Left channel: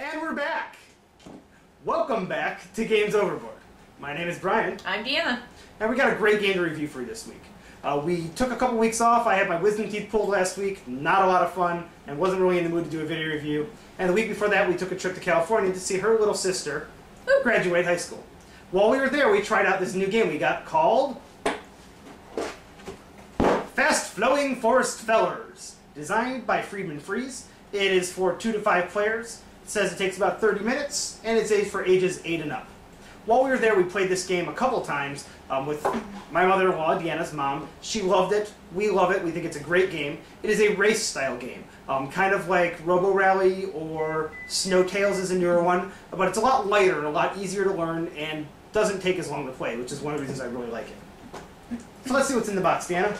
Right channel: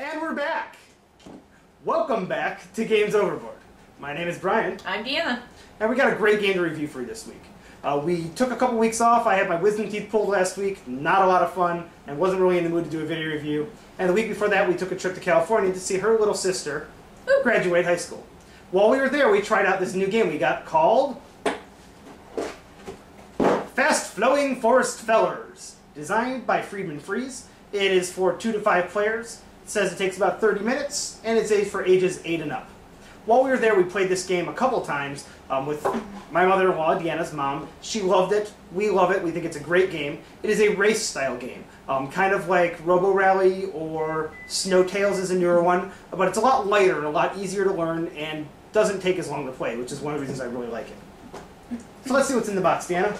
And we're back! Welcome back to Games Overboard. My name is Brian. I'm Deanna. And we got a great game to review for you this week. We took a couple weeks off. I had my wisdom teeth pulled last week. Not a lot of fun, and wasn't really in the mood to do a video review. And the week before that, we took a trip to California to see her little sister graduate high school. While we were there, we tried out this new game we got called Fast Flowing Forest Fellers, designed by Friedman Freeze. It is for 2 to 5 players. It says it takes about 30 minutes, and it's for ages 8 and up. While we were there, we played this game a couple times with my mother-in-law, Deanna's mom. She loved it. We love it. We think it's a great game. It is a race-style game, kind of like Robo Rally or Snow Tales is a newer one, but it's a lot lighter and a lot easier to learn and doesn't take as long to play, which is one of the reasons I really like it. So let's see what's in the box, Deanna.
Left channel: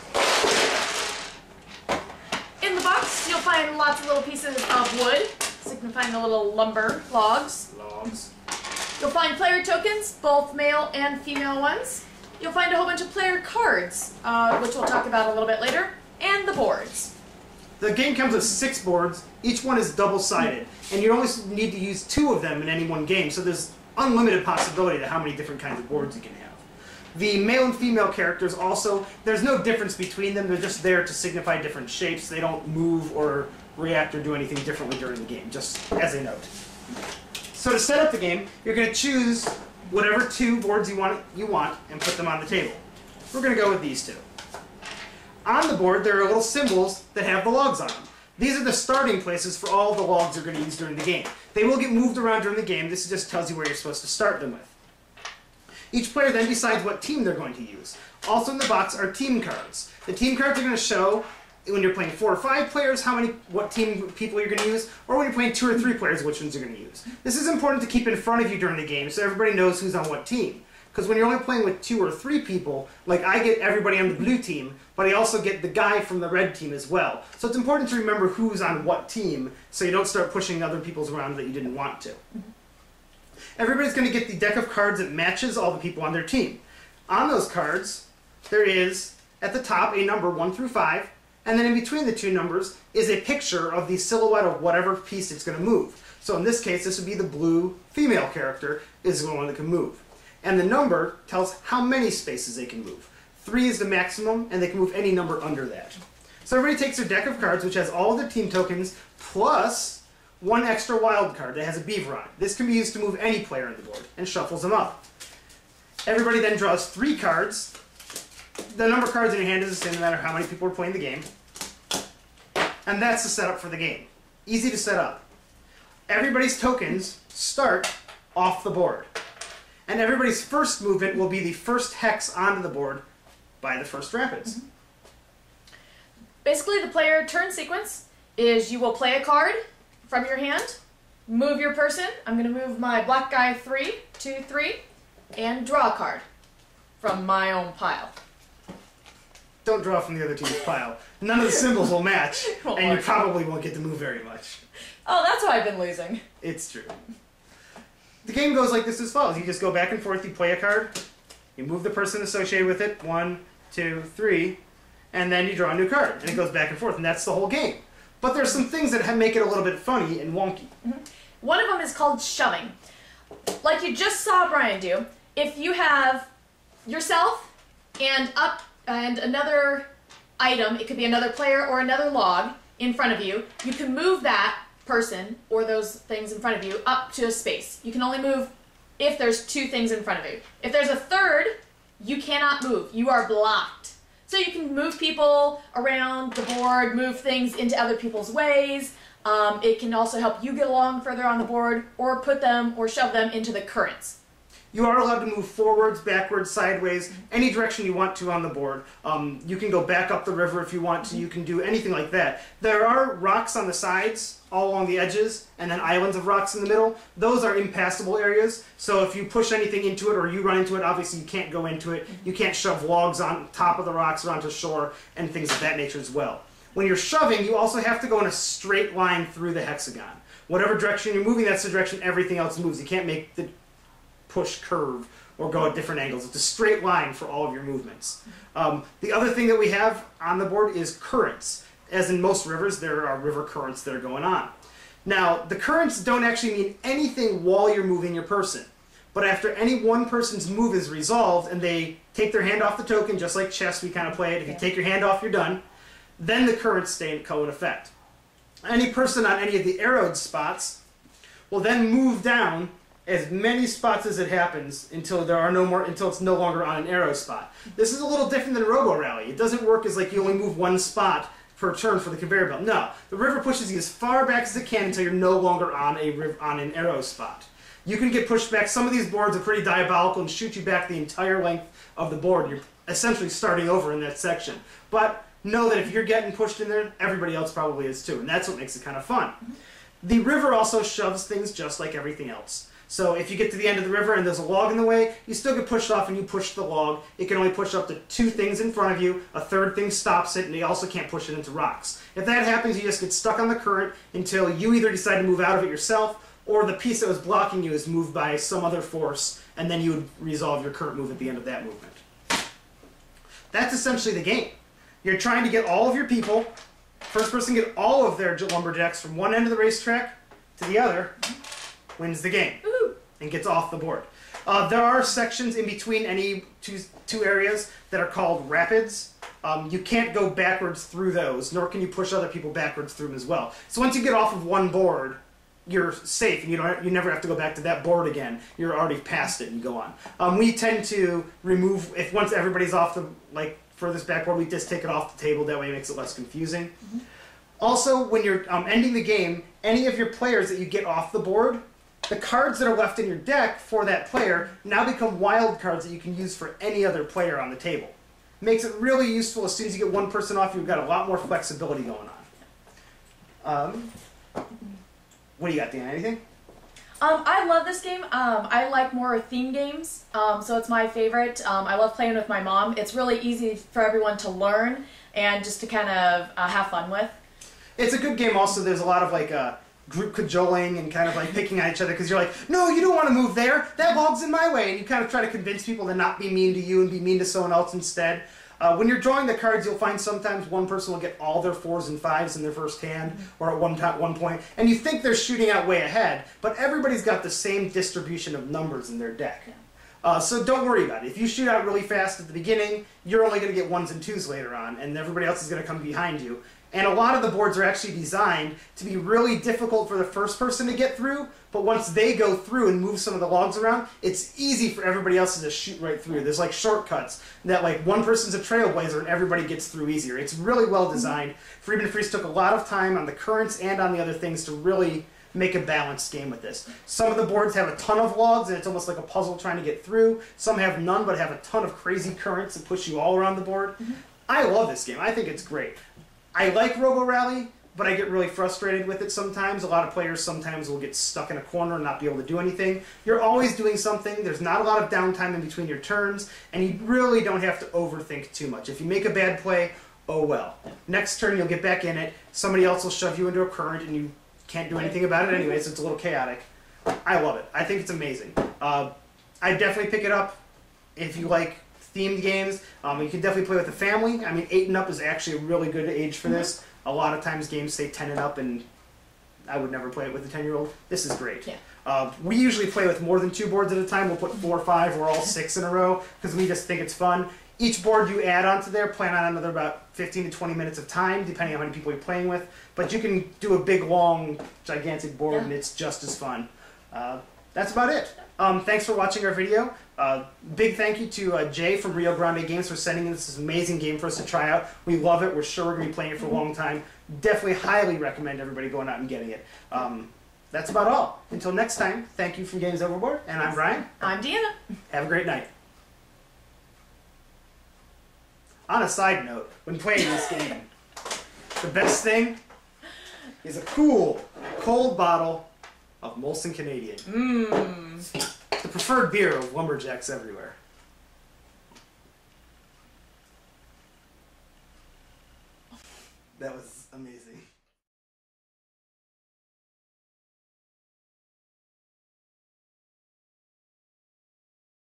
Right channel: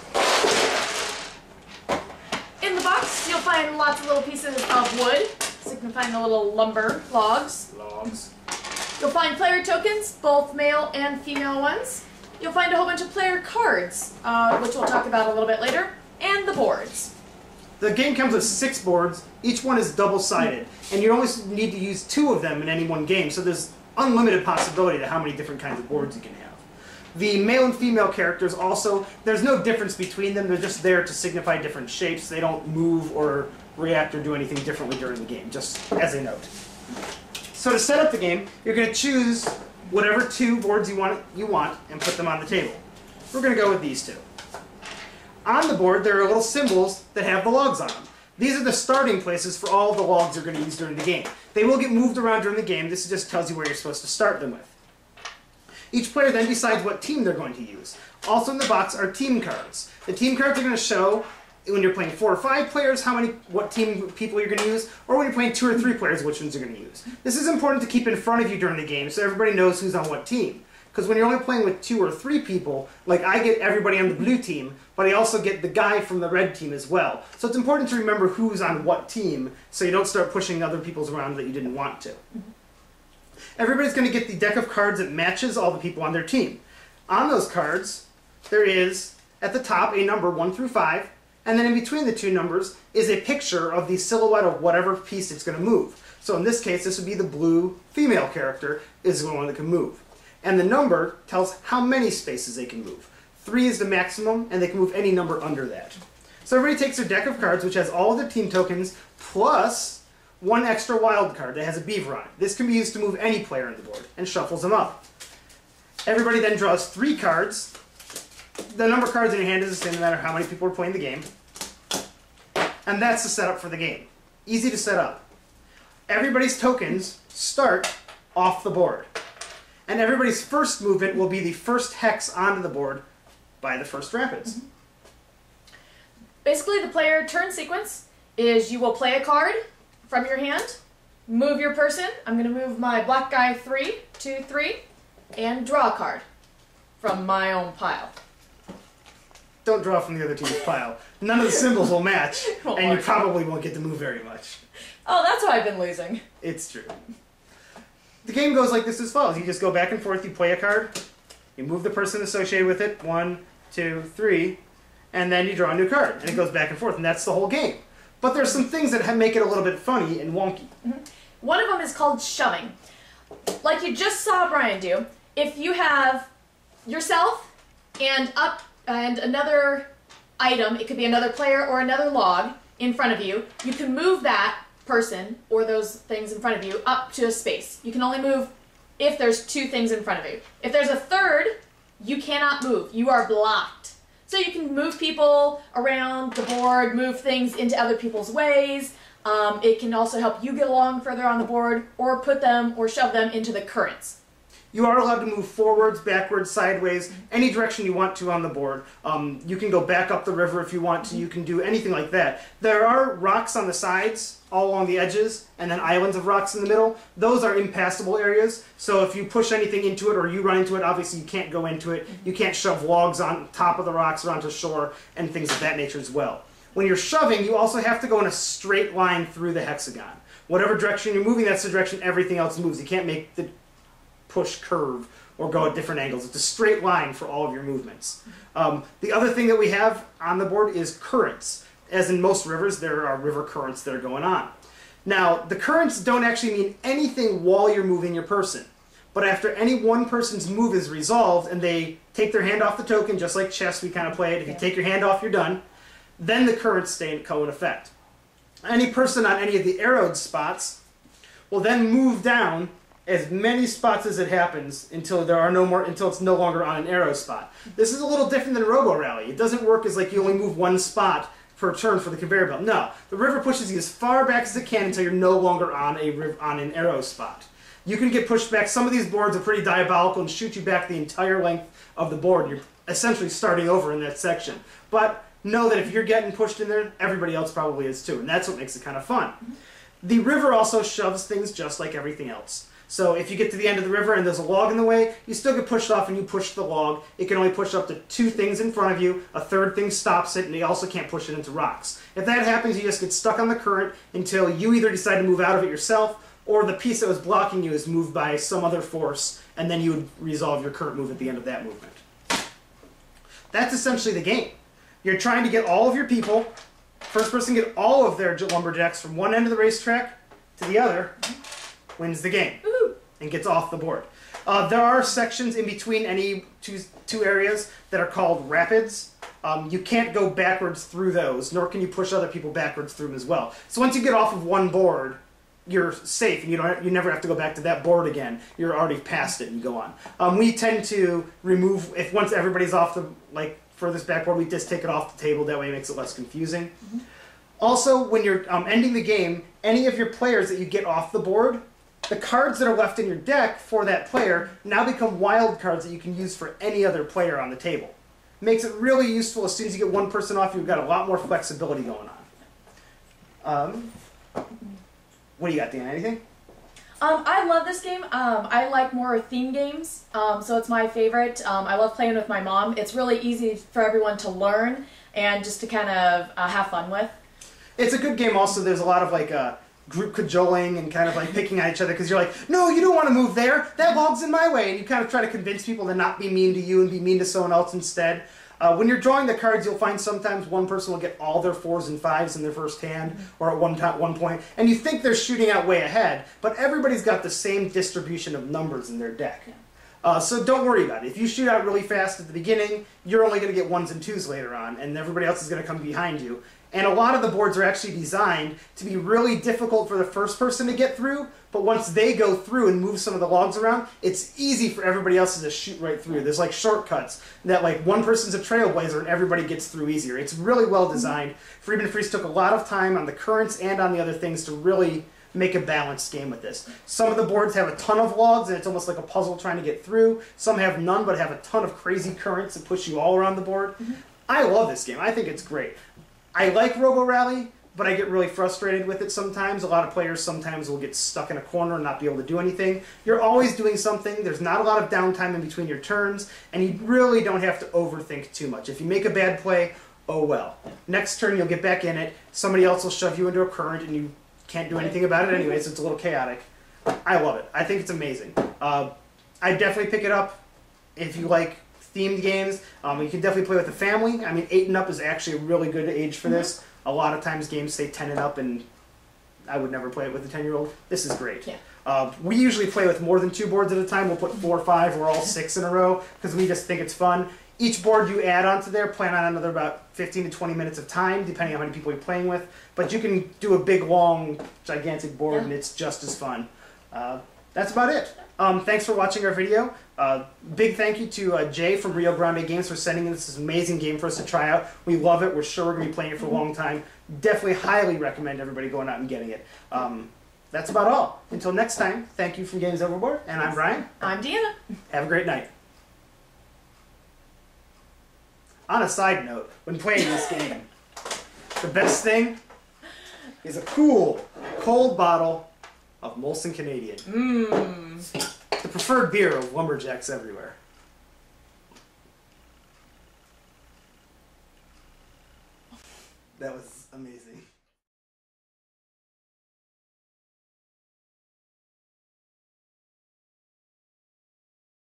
In the box, you'll find lots of little pieces of wood, signifying the little lumber logs. You'll find player tokens, both male and female ones. You'll find a whole bunch of player cards, which we'll talk about a little bit later, and the boards. The game comes with 6 boards. Each one is double-sided, and you only need to use 2 of them in any one game, so there's unlimited possibility to how many different kinds of boards you can have. The male and female characters also, there's no difference between them. They're just there to signify different shapes. They don't move or react or do anything differently during the game, just as a note. So to set up the game, you're going to choose whatever 2 boards you want and put them on the table. We're going to go with these 2. On the board, there are little symbols that have the logs on them. These are the starting places for all the logs you're going to use during the game. They will get moved around during the game. This just tells you where you're supposed to start them with. Each player then decides what team they're going to use. Also in the box are team cards. The team cards are going to show, when you're playing 4 or 5 players, what team people you're going to use, or when you're playing 2 or 3 players, which ones you're going to use. This is important to keep in front of you during the game so everybody knows who's on what team. Because when you're only playing with 2 or 3 people, like I get everybody on the blue team, but I also get the guy from the red team as well. So it's important to remember who's on what team so you don't start pushing other people's around that you didn't want to. Everybody's going to get the deck of cards that matches all the people on their team. On those cards, there is, at the top, a number 1 through 5, and then in between the 2 numbers is a picture of the silhouette of whatever piece it's going to move. So in this case, this would be the blue female character is the one that can move. And the number tells how many spaces they can move. 3 is the maximum, and they can move any number under that. So everybody takes their deck of cards, which has all of their team tokens, plus 1 extra wild card that has a beaver on it. This can be used to move any player on the board, and shuffles them up. Everybody then draws 3 cards. The number of cards in your hand is the same no matter how many people are playing the game. And that's the setup for the game. Easy to set up. Everybody's tokens start off the board. And everybody's first movement will be the first hex onto the board by the first rapids. Basically, the player turn sequence is you will play a card from your hand, move your person. I'm going to move my black guy 3, 2, 3, and draw a card from my own pile. Don't draw from the other team's pile. None of the symbols will match, Oh, and you probably won't get to move very much. Oh, that's why I've been losing. It's true. The game goes like this as follows. You just go back and forth, you play a card, you move the person associated with it, 1, 2, 3, and then you draw a new card. And it goes back and forth, and that's the whole game. But there's some things that make it a little bit funny and wonky. One of them is called shoving. Like you just saw Brian do, if you have yourself and another item, it could be another player or another log in front of you, you can move that person or those things in front of you up to a space. You can only move if there's 2 things in front of you. If there's a third, you cannot move. You are blocked. So you can move people around the board, move things into other people's ways. It can also help you get along further on the board or put them or shove them into the currents. You are allowed to move forwards, backwards, sideways, any direction you want to on the board. You can go back up the river if you want to. You can do anything like that. There are rocks on the sides, all along the edges, and then islands of rocks in the middle. Those are impassable areas, so if you push anything into it or you run into it, obviously you can't go into it. You can't shove logs on top of the rocks or onto shore and things of that nature as well. When you're shoving, you also have to go in a straight line through the hexagon. Whatever direction you're moving, that's the direction everything else moves. You can't make the push curve or go at different angles. It's a straight line for all of your movements. The other thing that we have on the board is currents. As in most rivers, there are river currents that are going on. Now, the currents don't actually mean anything while you're moving your person. But after any one person's move is resolved and they take their hand off the token, just like chess we kind of played, if you take your hand off, you're done, then the currents stay in effect. Any person on any of the arrowed spots will then move down as many spots as it happens until until it's no longer on an arrow spot. This is a little different than Robo Rally. It doesn't work as like you only move one spot per turn for the conveyor belt. No, the river pushes you as far back as it can until you're no longer on an arrow spot. You can get pushed back. Some of these boards are pretty diabolical and shoot you back the entire length of the board. You're essentially starting over in that section. But know that if you're getting pushed in there, everybody else probably is too, and that's what makes it kind of fun. The river also shoves things just like everything else. So if you get to the end of the river and there's a log in the way, you still get pushed off and you push the log. It can only push up to 2 things in front of you. A third thing stops it, and you also can't push it into rocks. If that happens, you just get stuck on the current until you either decide to move out of it yourself, or the piece that was blocking you is moved by some other force, and then you would resolve your current move at the end of that movement. That's essentially the game. You're trying to get all of your people, first person get all of their lumberjacks from one end of the racetrack to the other, wins the game, and gets off the board. There are sections in between any two areas that are called rapids. You can't go backwards through those, nor can you push other people backwards through them as well. So once you get off of one board, you're safe, and you never have to go back to that board again. You're already past it, and you go on. We tend to remove, once everybody's off the furthest backboard, we just take it off the table. That way it makes it less confusing. Also, when you're ending the game, any of your players that you get off the board, the cards that are left in your deck for that player now become wild cards that you can use for any other player on the table. Makes it really useful. As soon as you get one person off, you've got a lot more flexibility going on. What do you got, Dan? Anything? I love this game. I like more theme games, so it's my favorite. I love playing with my mom. It's really easy for everyone to learn and just to kind of have fun with. It's a good game also. There's a lot of group cajoling and kind of picking at each other because you're like, no, you don't want to move there. That log's in my way. And you kind of try to convince people to not be mean to you and be mean to someone else instead. When you're drawing the cards, you'll find sometimes one person will get all their 4s and 5s in their first hand, or at one point, and you think they're shooting out way ahead, but everybody's got the same distribution of numbers in their deck. So don't worry about it. If you shoot out really fast at the beginning, you're only going to get 1s and 2s later on, and everybody else is going to come behind you. And a lot of the boards are actually designed to be really difficult for the first person to get through, but once they go through and move some of the logs around, it's easy for everybody else to just shoot right through. There's shortcuts that one person's a trailblazer and everybody gets through easier. It's really well designed. Freeman Freeze took a lot of time on the currents and on the other things to really make a balanced game with this. Some of the boards have a ton of logs and it's almost like a puzzle trying to get through. Some have none but have a ton of crazy currents that push you all around the board. I love this game. I think it's great. I like Robo Rally, but I get really frustrated with it sometimes. A lot of players sometimes will get stuck in a corner and not be able to do anything. You're always doing something. There's not a lot of downtime in between your turns, and you really don't have to overthink too much. If you make a bad play, oh well. Next turn you'll get back in it. Somebody else will shove you into a current, and you can't do anything about it anyway, so it's a little chaotic. I love it. I think it's amazing. I definitely pick it up if you like themed games. You can definitely play with the family. I mean, 8 and up is actually a really good age for this. A lot of times games say 10 and up, and I would never play it with a 10-year-old. This is great. We usually play with more than 2 boards at a time. We'll put 4 or 5 or all 6 in a row because we just think it's fun. Each board you add onto there, plan on another about 15 to 20 minutes of time, depending on how many people you're playing with. But you can do a big, long, gigantic board, and it's just as fun. That's about it. Thanks for watching our video. Big thank you to Jay from Rio Grande Games for sending in this amazing game for us to try out. We love it. We're sure we're going to be playing it for a long time. Definitely highly recommend everybody going out and getting it. That's about all. Until next time, thank you from Games Overboard, and I'm Brian. I'm Deanna. Have a great night. On a side note, when playing this game, the best thing is a cool, cold bottle of Molson Canadian. The preferred beer of lumberjacks everywhere.